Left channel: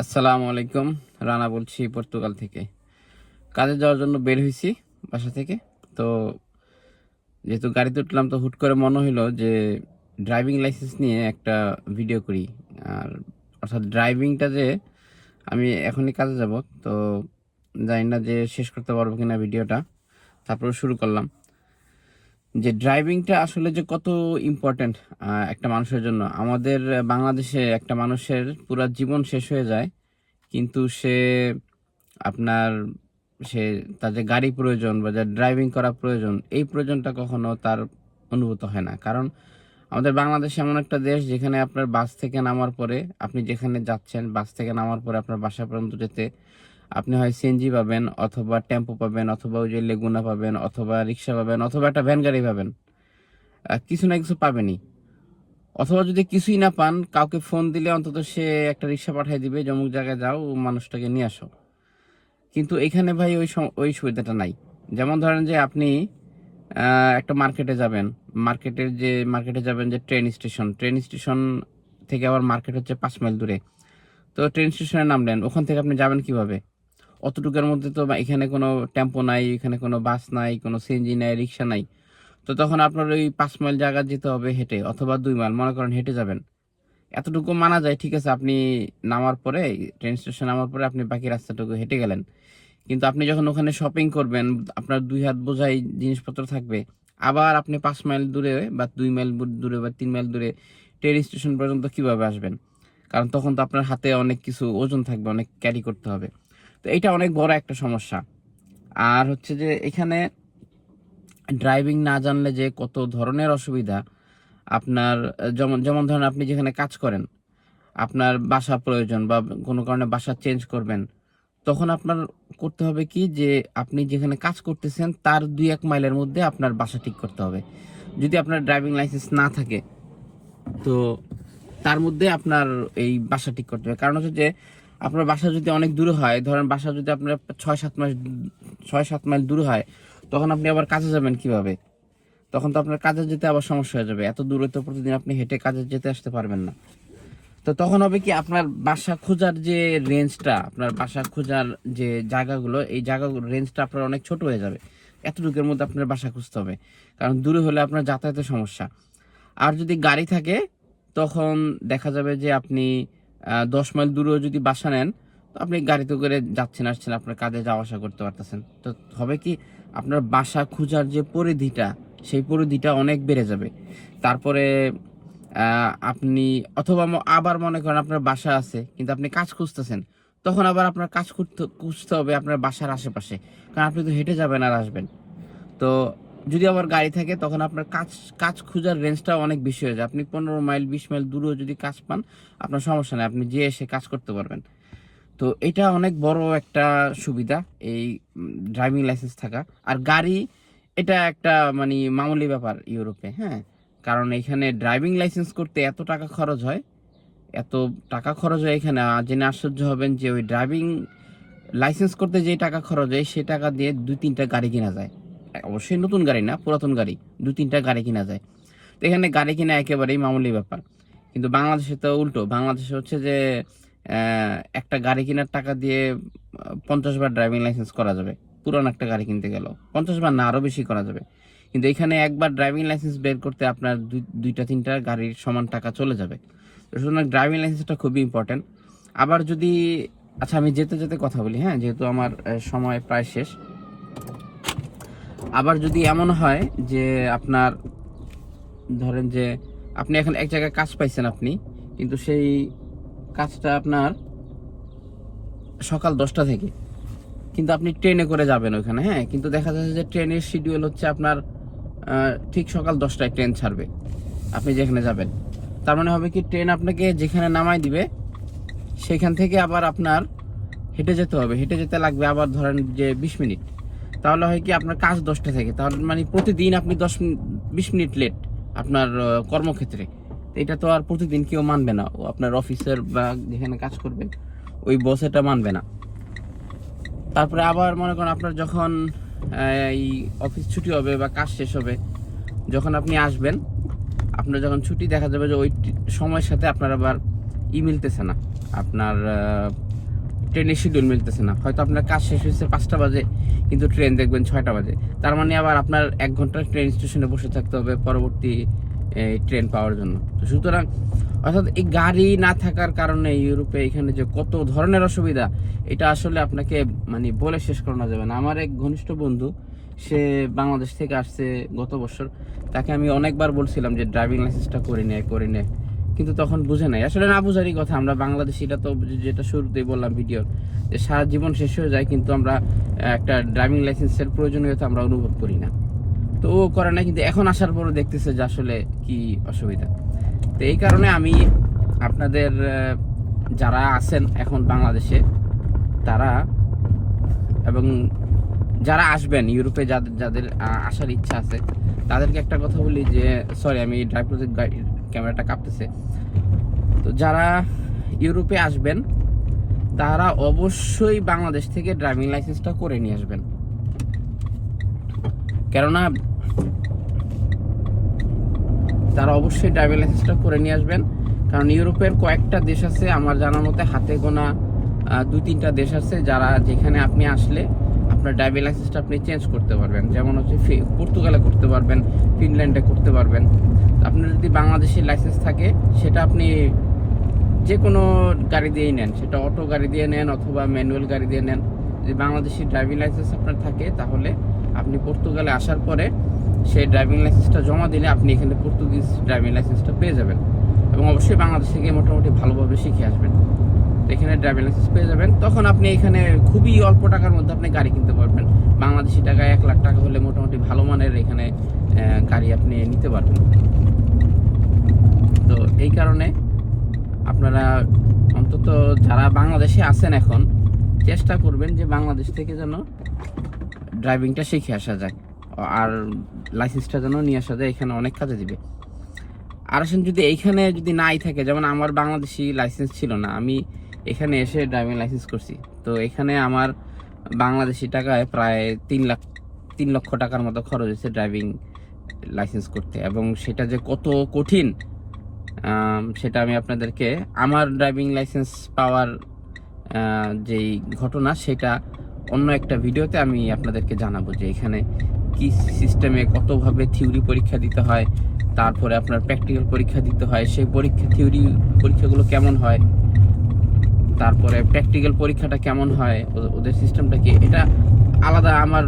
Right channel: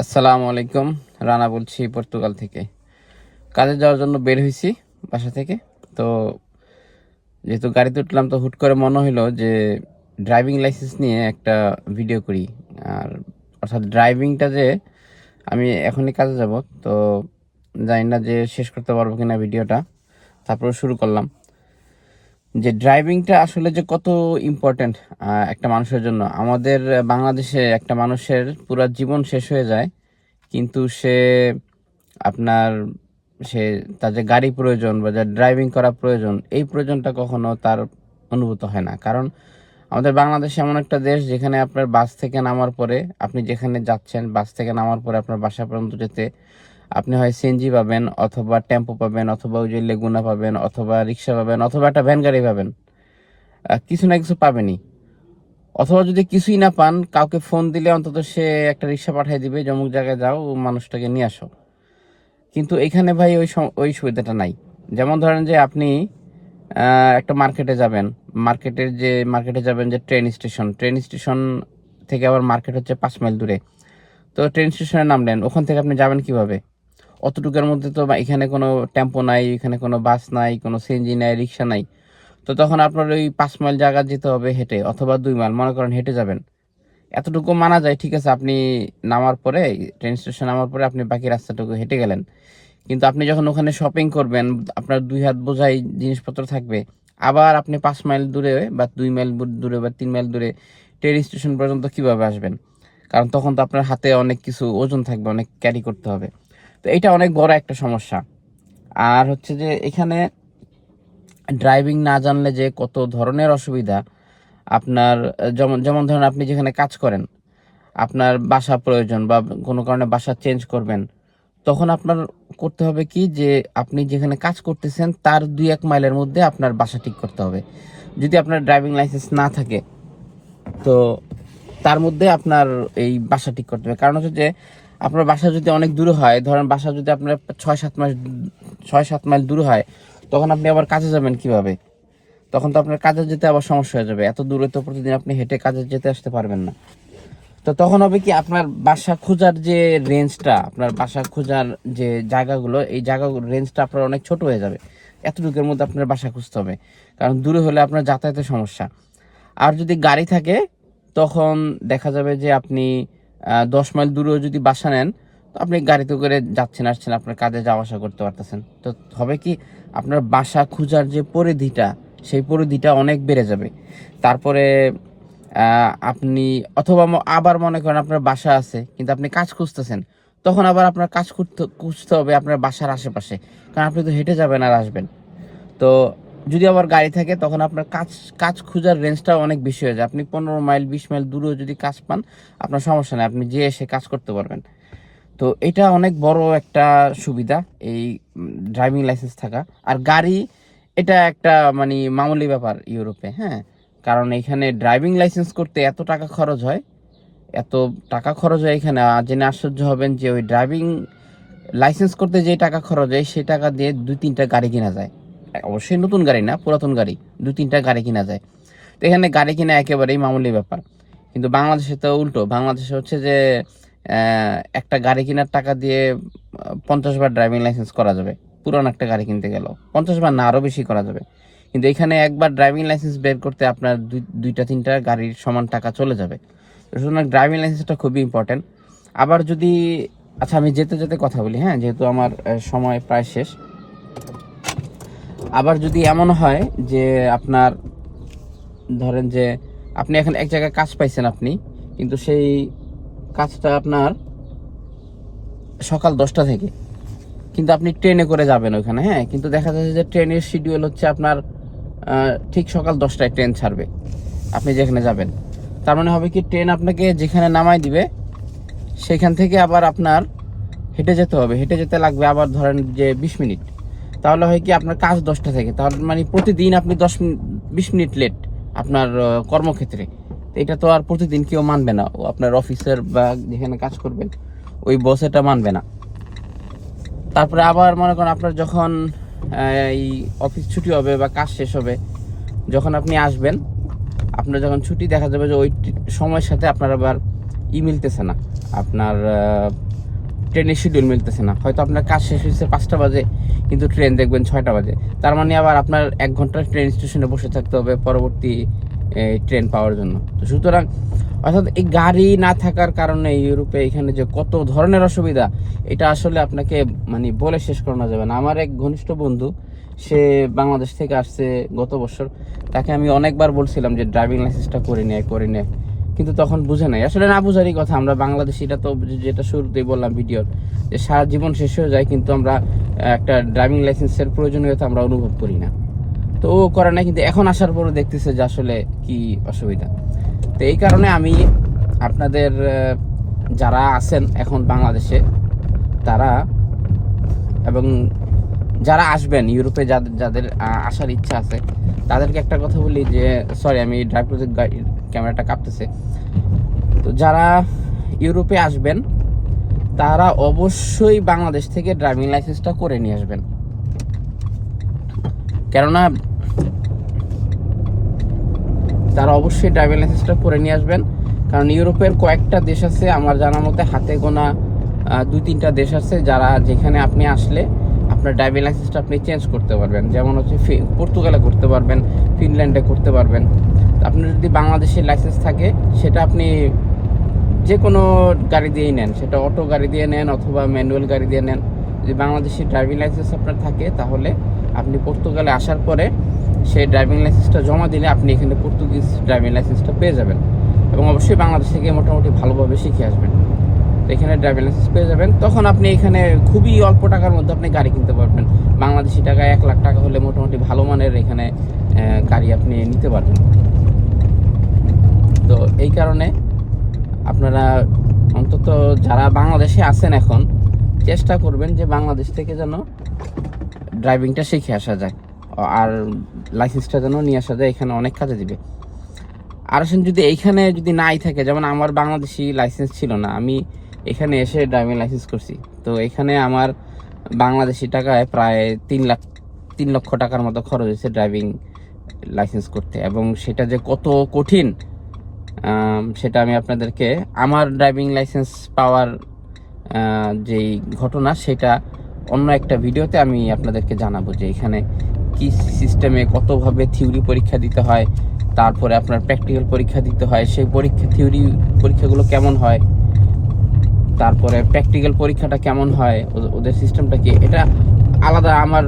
আসসালামু আলাইকুম, রানা বলছি পর্তুগাল থেকে। কাজে যাওয়ার জন্য বের হয়েছি বাসা থেকে। তো যেহেতু গাড়িতে উঠলাম, তো হুট করে মনে হলো যে ড্রাইভিং লাইসেন্স নিয়ে একটা ভিডিও করি। আর অর্থাৎ ড্রাইভিংটা যে আমি এখনই কাজে যাব, তো জানি না যে শেষ করতে পারব কিনা ভিডিওটা তারপরে শুরু করলাম। যে ড্রাইভিংটা আসলে যে কত ইম্পর্ট্যান্ট একটা মানুষের জন্য। আমাদের বাংলাদেশে একটা মানুষের পুরো জীবন শেষ হয়ে যায়, কিন্তু সে আপনার, সে তার যে গাড়ি প্রয়োজন বা যা ড্রাইভিং করা প্রয়োজন, এই প্রয়োজনটা কখনো তার অনুভূত হয় না। কারণ আমাদের বাংলাদেশ এমন একটা দেশ যেখানে আপনার বাস থেকে নামার পরে আপনি যেখানে যাচ্ছেন, বাস থেকে নামার পরে আপনার বাসা পর্যন্ত যেতে আপনি হয় সিএনজি পাবেন, অথবা টেম্পো পাবেন, অথবা ওই যে লেগুনা পাবেন, অথবা রিক্সা পাবেন, অথবা একটা ভ্যান গাড়ি পাবেন। কিছু না কিছু পাবেনই। অথবা যদি কিছুই না পান, কাউকে ফোন দিলে অন্তত সে একটা রিক্সা পাঠিয়ে দিবে, যে অমুক জায়গায় যাও, মানুষটাকে নিয়ে আসো। কিন্তু এখানে ভাই ওই ওই সুবিধাটা নাই। যেমন ধরেন যে আপনি একটা মার্কেটে যাবেন। মার্কেটের যে, মার্কেটে যাবেন যে ট্রেন স্টেশন ট্রেন স্টেশন থেকে আবার মার্কেট হচ্ছে পাঁচ মাইল দূরে। তো ট্রেন স্টেশনে নামলেন ওখান থেকে আপনি যাবেন কীভাবে? অতটুকুর মধ্যে তো এখানে কোনো টেম্পো নাই, এখানে কোনো বাস নাই, কোনো সিএনজি নাই, রিক্সা নাই। তো তখন আপনার ওই পাঁচ মাইল জায়গা যেতে হবে হেঁটে অথবা দুই মাইল, মনে করেন হেঁটে যাবেন। এতটুকু মানা যায়, ঠিক আছে, আপনি নামার পরে ট্রেন স্টেশন নামার পরে আপনি বাকি রাস্তাটুকু হেঁটে গেলেন। কিন্তু আপনি যখন ওখানে শপিং করবেন, আপনার দুই হাত বোঝাই জিনিসপত্র থাকবে। আবার আপনি পাঁচ মাইল দূরে বা দুই মাইল দূরে বা তিন মাইল দূরে ট্রেন স্টেশন পর্যন্ত কীভাবে আসবেন? কারণ তখন তো আপনার হাতে অনেক কিছু ওজন থাকবে, অনেক ক্যারি করতে হবে। তো এটা অনেক বড় একটা সমস্যা। আর হচ্ছে যে এখানে ড্রাইভিং না জানলে যে কত ধরনের অসুবিধা, আপনার, যেমন যেমন ধরেন আপনি যেখানে কাজ করেন, আপনার বাসা প্রয়োজন বা কোনো কারণে বাসা চেঞ্জ করবেন, তখন আপনার করতে হবে কি যে আপনি যেখানে কাজ করতেছেন তার দুই এক মাইলের মধ্যে আপনার বাসা ঠিক করতে হবে। যদি আপনার ড্রাইভিং লাইসেন্স না থাকে, তো তার মধ্যে আপনার এই বাসা ঠিক করতে হবে। কারণ হচ্ছে যে আপনার বাসা যদি অনেক দূরে হয়, ধরেন বাসা যদি আপনার ছয় সাত মাইল ছয় সাত মাইল দূরে হয়, তখন আপনি আবার কাজে যাবেন কীভাবে? তখন তো আপনার কাজে যেতে আবার সমস্যা হয়ে যাবে। এত দূরে তো প্রতিদিন আপনি হেঁটে কাজে যেতে আসতে পারবেন না। তো তখন হবে কি, আপনার বাসা খোঁজার যে রেঞ্জটা, আপনার বাসা খোঁজার যে জায়গাগুলো, এই জায়গাগুলো রেঞ্জটা আপনার অনেক ছোট হয়ে যাবে। এতটুকুর মধ্যে আপনার বাসা খুঁজতে হবে। কারণ দূরে হলে আপনার যাতায়াতের সমস্যা। আর যদি গাড়ি থাকে, তখন দেখা যাবে যে আপনি দশ মাইল দূরেও যদি বাসা নেন, তো আপনি গাড়িতে করে যাচ্ছেন, আসছেন, আপনার কাজে যাওয়া আসা করতে পারতেছেন। তো হবে কি, আপনার বাসা খোঁজার যে পরিধিটা, সেই পরিধিটা অনেক বেড়ে যাবে। তারপরে আপনি অথবা আবার মনে করেন আপনার বাসা আছে, কিন্তু আপনি কাজ খুঁজতেছেন, তখন আবার আপনার কাজ করতে খুঁজতে হবে আপনার বাসার আশেপাশে। কারণ আপনি তো হেঁটে যাবেন আর আসবেন। তো যদি আবার গাড়ি থাকে, তখন আপনার কাজ কাজ খোঁজার রেঞ্জটাও অনেক বেশি হয়ে যায়। আপনি পনেরো মাইল, বিশ মাইল দূরেও যদি কাজ পান, আপনার সমস্যা নেই, আপনি যে এসে কাজ করতে পারবেন। তো এটা অনেক বড় একটা সুবিধা, এই ড্রাইভিং লাইসেন্স থাকা। আর গাড়ি, এটা একটা মানে মামুলি ব্যাপার ইউরোপে হ্যাঁ? কারণ এখানে ড্রাইভিং লাইসেন্স করতে এত টাকা খরচ হয়, এত টাকা খরচ হয় এখানে। জেনে আশ্চর্য হবেন যে ওই ড্রাইভিং লাইসেন্স করতে যে টাকা খরচ হয়, সেই টাকা দিয়ে দুই তিনটা গাড়ি কেনা যায়। অবশ্যই নতুন গাড়ি না, পুরাতন গাড়ি দু তিনটা গাড়ি কেনা যায়। তো এখানে গাড়ি কিনা একেবারেই মামুলি ব্যাপার। কিন্তু বাংলাদেশে তো উল্টো, বাংলাদেশে হচ্ছে যে একটা গাড়ি কেনার টাকা দিয়ে পঞ্চাশ বার ড্রাইভিং লাইসেন্স করা যাবে। পুরান একটা গাড়ি কিনতে গেল পঞ্চাশ বার না আরও বেশি করা যাবে। কিন্তু এখানে একবার ড্রাইভিং লাইসেন্স বের করতে আপনার দুই- দুইটা, তিনটা গাড়ির সমান টাকা চলে যাবে। সুতরাং ড্রাইভিং লাইসেন্সটা খুবই ইম্পর্টেন্ট আবার যদি আচ্ছা আমি যেতে যেতে কথা বলি হ্যাঁ? যেহেতু আমার সময় প্রায় শেষ আবার যদি এমন হয় যে আপনার, ধরেন যে আপনি এখন এক জায়গায় কাজ পাইছেন আপনি, কিন্তু সেই কাজটা আপনার সকাল দশটা থেকে, কিন্তু আপনি ট্রেনে করে যাবেন ওখানে হ্যাঁ? কিন্তু দেখা যাচ্ছে যে ট্রেনের শিডিউল হচ্ছে আপনার ঠিক সকাল দশটায় ট্রেন ছাড়বে, আপনি যেখানে যাবেন। তার মানে হবে কি, ট্রেন আপনাকে যেখানে নামাই দিবে, সেখান থেকে আবার আপনার হেঁটে যেতে হবে। হেঁটে যেতে লাগবে আবার ধরেন যে বিশ মিনিট। তাহলে হয় কি আপনার কাজ দশটা থেকে। তাহলে মানে প্রতিদিন আপনি দশ বিশ মিনিট লেট আপনার কর্মক্ষেত্রে। এটা তো আর প্রতিদিন কেউ মানবে না। আপনার অফিসার বা যেখানে কাজ করবেন ওই বস এটা মানবে না। তারপরে আবার মনে করেন আপনার যখন এই অফিস ছুটি হবে বা কাজ শেষ হবে, যখন আপনি আসবেন, আপনার যখন ছুটি, দেখা যাবে যে ওই সময়ের সাথে আপনার আবার ই মিলতেছে না। আপনার ট্রেনের শিডিউল মিলতেছে না। হয়তো আপনার কাজ শেষ হয়েছে পাঁচটা বাজে কিন্তু ট্রেন দেখবেন ছয়টা বাজে। তার মানে আবার আপনার এক ঘণ্টা ট্রেন স্টেশনে বসে থাকতে হবে পরবর্তী ট্রেন পাওয়ার জন্য। তো সুতরাং, অর্থাৎ এই গাড়ি না থাকার কারণে ইউরোপে এখানে যে কত ধরনের অসুবিধা, এটা আসলে আপনাকে মানে বলে শেষ করানো যাবে না। আমার এক ঘনিষ্ঠ বন্ধু, সে বাংলাদেশ থেকে আসছে গত বছর। তাকে আমি অনেকবার বলছিলাম যে ড্রাইভিং লাইসেন্সটা করে নেয় করে নেয় কিন্তু তখন বুঝে নাই। আসলে না বুঝারই কথা, আমরা বাংলাদেশিটা তো যেটা শুরুতেই বললাম ভিডিওর, যে সারা জীবন শেষ হয়ে যায়, কিন্তু আমরা একটা ড্রাইভিং লাইসেন্সের প্রয়োজনীয়তা আমরা অনুভব করি না। তো ও করে না কিন্তু এখন আসার পরে দেখতেছে যে আসলে কি অসুবিধা। তো এই কারণে আমি আপনাদের যারা আছেন এখন বাংলাদেশে, তারা এবং যারা আসবেন ইউরোপে যাদের যাদের আসার ইচ্ছা আছে, তাদেরকে একটা কথা বলি যে সরি আমি ড্রাইভ গাড়ি- ক্যামেরাটা কাঁপতেছে। তো যারা ইউরোপে আসবেন তারা অবশ্যই বাংলাদেশ থেকে ড্রাইভিং লাইসেন্সটা করে নিয়ে আসবেন। কেননা তারা অবশ্যই ড্রাইভিং লাইসেন্সটা করে নিয়ে আসবেন। কারণ ইউরোপের কয়েকটা দেশ আছে, আমার জানার মতে হাতে গোনা দুই তিনটা দেশ আছে যারা যেখানে আপনি আসলে আপনার ড্রাইভিং লাইসেন্সটা আপনি চেঞ্জ করতে পারবেন। যেমন হচ্ছে পর্তুগালে করতে পারবেন, ফিনল্যান্ডে করতে পারবেন। আপনার যদি বাংলাদেশের লাইসেন্স থাকে, সেটা আপনি যে কোনো গাড়ি দিয়েই নেন, সেটা অটো গাড়ি দিয়ে নেন অথবা ম্যানুয়াল গাড়ি দিয়ে নেন। যদি বাংলাদেশি ড্রাইভিং লাইসেন্স আপনার থাকে, তাহলে আপনি পর্তুগালে আসার পরে সেই ড্রাইভিং লাইসেন্সটা জমা দিলে আপনি এখানে পর্তুগিজ ড্রাইভিং লাইসেন্সটা পেয়ে যাবেন এবং অবশ্যই বাংলাদেশ থেকে মোটামুটি ভালোভাবে শিখে আসবেন। তো এখানে ড্রাইভিং লাইসেন্স পেয়ে যাবেন। তখন আপনি এখানে খুবই অল্প টাকার মধ্যে আপনি গাড়ি কিনতে পারবেন। বাংলাদেশি টাকায় এক লাখ টাকা হলে মোটামুটি ভালো মানের এখানে গাড়ি আপনি নিতে পারবেন। তো এই কারণে আপনারা অন্তত যারা বাংলাদেশে আছেন এখন, চেষ্টা করবেন যে বাংলাদেশ থেকে যেন ড্রাইভিংটা শিখে আসা যায়, আর লাইসেন্সটা যেন নিয়ে আসা যায়, এখানে অনেক কাজে দিবে। আর আসেন, যদি এইখানে যদি নাই থাকে, যেমন আমার বাংলাদেশি লাইসেন্স ছিল না, আমি এখানে এসে ড্রাইভিং লাইসেন্স করছি, তো এখানে আমার বাংলাদেশি টাকায় প্রায় তিন লাখ, তিন লক্ষ টাকার মতো খরচ হয়েছে ড্রাইভিং লাইসেন্স করতে, এবং সেটা যে কত কঠিন সেটা আমি আপনাদেরকে আমার ড্রাইভিং লাইসেন্স পাওয়ার যেই ঘটনা, সেটা অন্য একটা ভিডিওতে আমি আপনাদেরকে জানাব যে এখানে কি সিস্টেমে কতভাবে থিওরি পরীক্ষা দিতে হয়, তারপরে আপনার প্র্যাকটিক্যাল পরীক্ষা দিতে হয়, সেই পরীক্ষা থিওরি পরীক্ষাগুলো কেমন হয়, তারপরে প্র্যাকটিক্যাল পরীক্ষাটা কেমন হয় ওদের সিস্টেমটা কি, এটা আলাদা আমার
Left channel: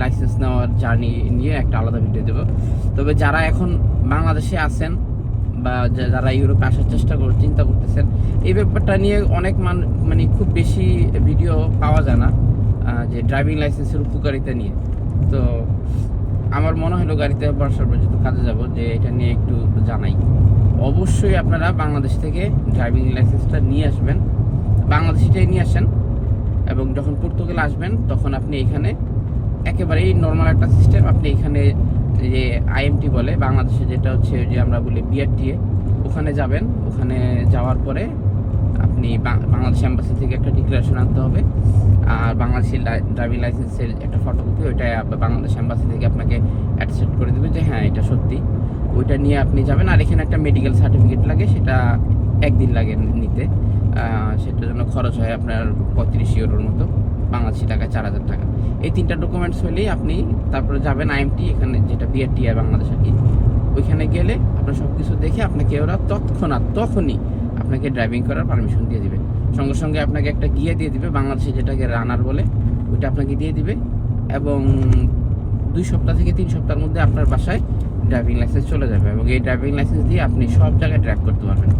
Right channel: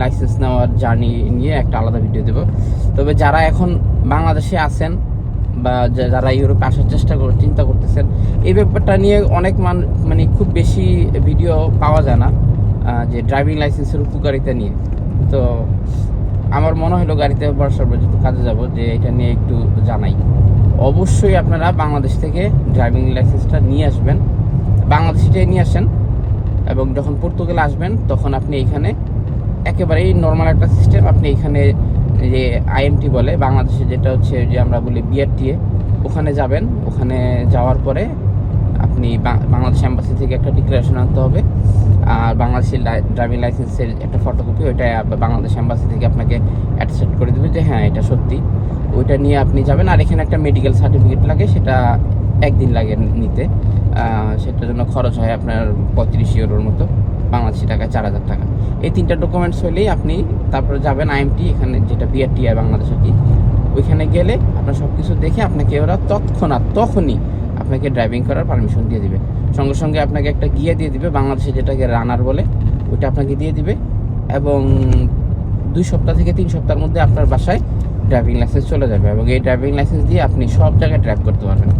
লাইসেন্স নেওয়ার জার্নি নিয়ে একটা আলাদা ভিডিও দেবো। তবে যারা এখন বাংলাদেশে আছেন বা যারা ইউরোপে আসার চেষ্টা করে, চিন্তা করতেছেন, এই ব্যাপারটা নিয়ে অনেক মান মানে খুব বেশি ভিডিও পাওয়া যায় না যে ড্রাইভিং লাইসেন্সের উপকারিতা নিয়ে। তো আমার মনে হলো গাড়িতে বর্ষার পর যেহেতু কাজে যাব, যে এটা নিয়ে একটু জানাই। অবশ্যই আপনারা বাংলাদেশ থেকে ড্রাইভিং লাইসেন্সটা নিয়ে আসবেন। বাংলাদেশিটাই নিয়ে আসেন এবং যখন পর্তুগালে আসবেন, তখন আপনি এখানে একেবারেই নর্মাল একটা সিস্টেম আপনি এখানে যে আইএমটি বলে, বাংলাদেশে যেটা হচ্ছে যে আমরা বলি বিআরটিএ ওখানে যাবেন। ওখানে যাওয়ার পরে আপনি বাংলাদেশ এম্বাসি থেকে একটা ডিক্লারেশন আনতে হবে। আর বাংলাদেশের ড্রাইভিং লাইসেন্সের একটা ফটোকপি ওইটা বাংলাদেশ এম্বাসি থেকে আপনাকে অ্যাটাচেট করে দেবে যে হ্যাঁ এটা সত্যি। ওইটা নিয়ে আপনি যাবেন। আর এখানে একটা মেডিকেল সার্টিফিকেট লাগে, সেটা একদিন লাগে নিতে। সেটার জন্য খরচ হয় আপনার পঁয়ত্রিশ ইউরোর মতো। বাংলাদেশি টাকায় চার হাজার টাকা। এই তিনটা ডকুমেন্টস হলেই আপনি তারপরে যাবেন আইএমটি এখানে যেটা বিআরটি আর বাংলাদেশ আর কি। ওইখানে গেলে আপনার সব কিছু দেখে আপনাকে ওরা তৎক্ষণাৎ, তখনই আপনাকে ড্রাইভিং করার পারমিশন দিয়ে দিবে। সঙ্গে সঙ্গে আপনাকে একটা গিয়ে দিয়ে দিবে, বাংলাদেশে যেটাকে রানার বলে, ওইটা আপনাকে দিয়ে দিবে এবং দুই সপ্তাহ থেকে তিন সপ্তাহের মধ্যে আপনার বাসায় ড্রাইভিং লাইসেন্স চলে যাবে এবং এই ড্রাইভিং লাইসেন্স দিয়ে আপনি সব জায়গায় ড্রাইভ করতে পারবেন।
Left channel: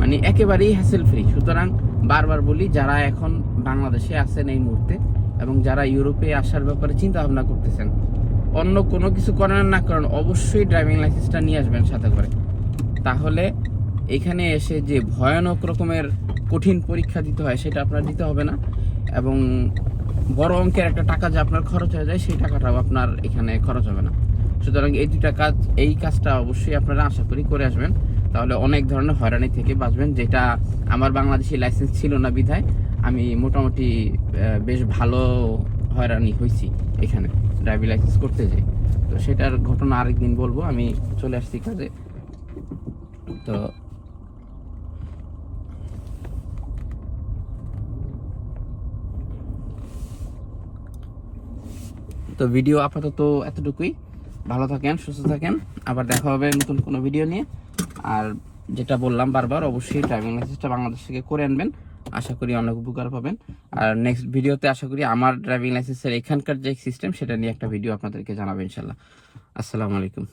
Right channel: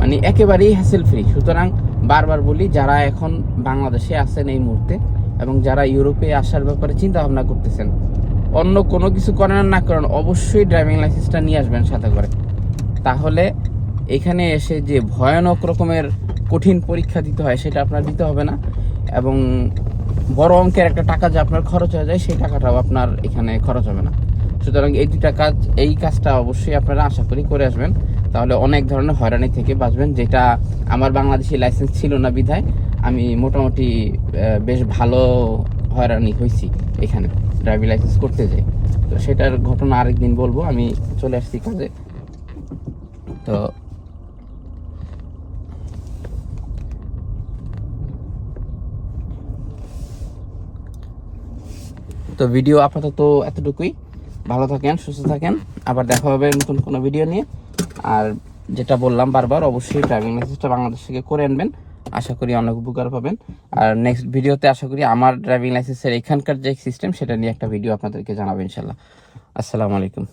মানে একেবারেই হ্যাসেল ফ্রি সুতরাং বারবার বলি, যারা এখন বাংলাদেশে আছেন এই মুহূর্তে এবং যারা ইউরোপে আসার ব্যাপারে চিন্তা ভাবনা করতেছেন, অন্য কোনো কিছু করেন আর না করেন, অবশ্যই ড্রাইভিং লাইসেন্সটা নিয়ে আসবেন সাথে করে। তাহলে এখানে এসে যে ভয়ানক রকমের কঠিন পরীক্ষা দিতে হয়, সেটা আপনার দিতে হবে না এবং বড় অঙ্কের একটা টাকা যে আপনার খরচ হয়ে যায়, সেই টাকাটাও আপনার এখানে খরচ হবে না। সুতরাং এই দুটা কাজ, এই কাজটা অবশ্যই আপনারা আশা করি করে আসবেন। তাহলে অনেক ধরনের হয়রানি থেকে বাঁচবেন, যেটা আমার বাংলাদেশি লাইসেন্স ছিল না বিধায় আমি মোটামুটি বেশ ভালো হয়রানি হয়েছি এখানে ড্রাইভিং লাইসেন্স করতে যাই তো সেটার ঘটনা আরেকদিন বলব, আমি চলে আসছি কাজে। তো তো ভিডিও আপাতত এতটুকুই। ভালো থাকেন, সুস্থ থাকেন। আবার দেখা হবে নতুন কোনো ভিডিও নিয়ে। আর যেটা বললাম বারবার, অবশ্যই ড্রাইভিং লাইসেন্সটা বাংলাদেশ থেকে করে আনবেন। আশা করি অনেক উপকার পাবেন। আর নেক্সট ভিডিওতে আশা করি আমার ড্রাইভিং লাইসেন্সের এখানকার যে সিস্টেম সেটা নিয়ে একটা ভিডিও আপনাদেরকে জানাব ইনশাল্লাহ আসসালামু আলাইকুম।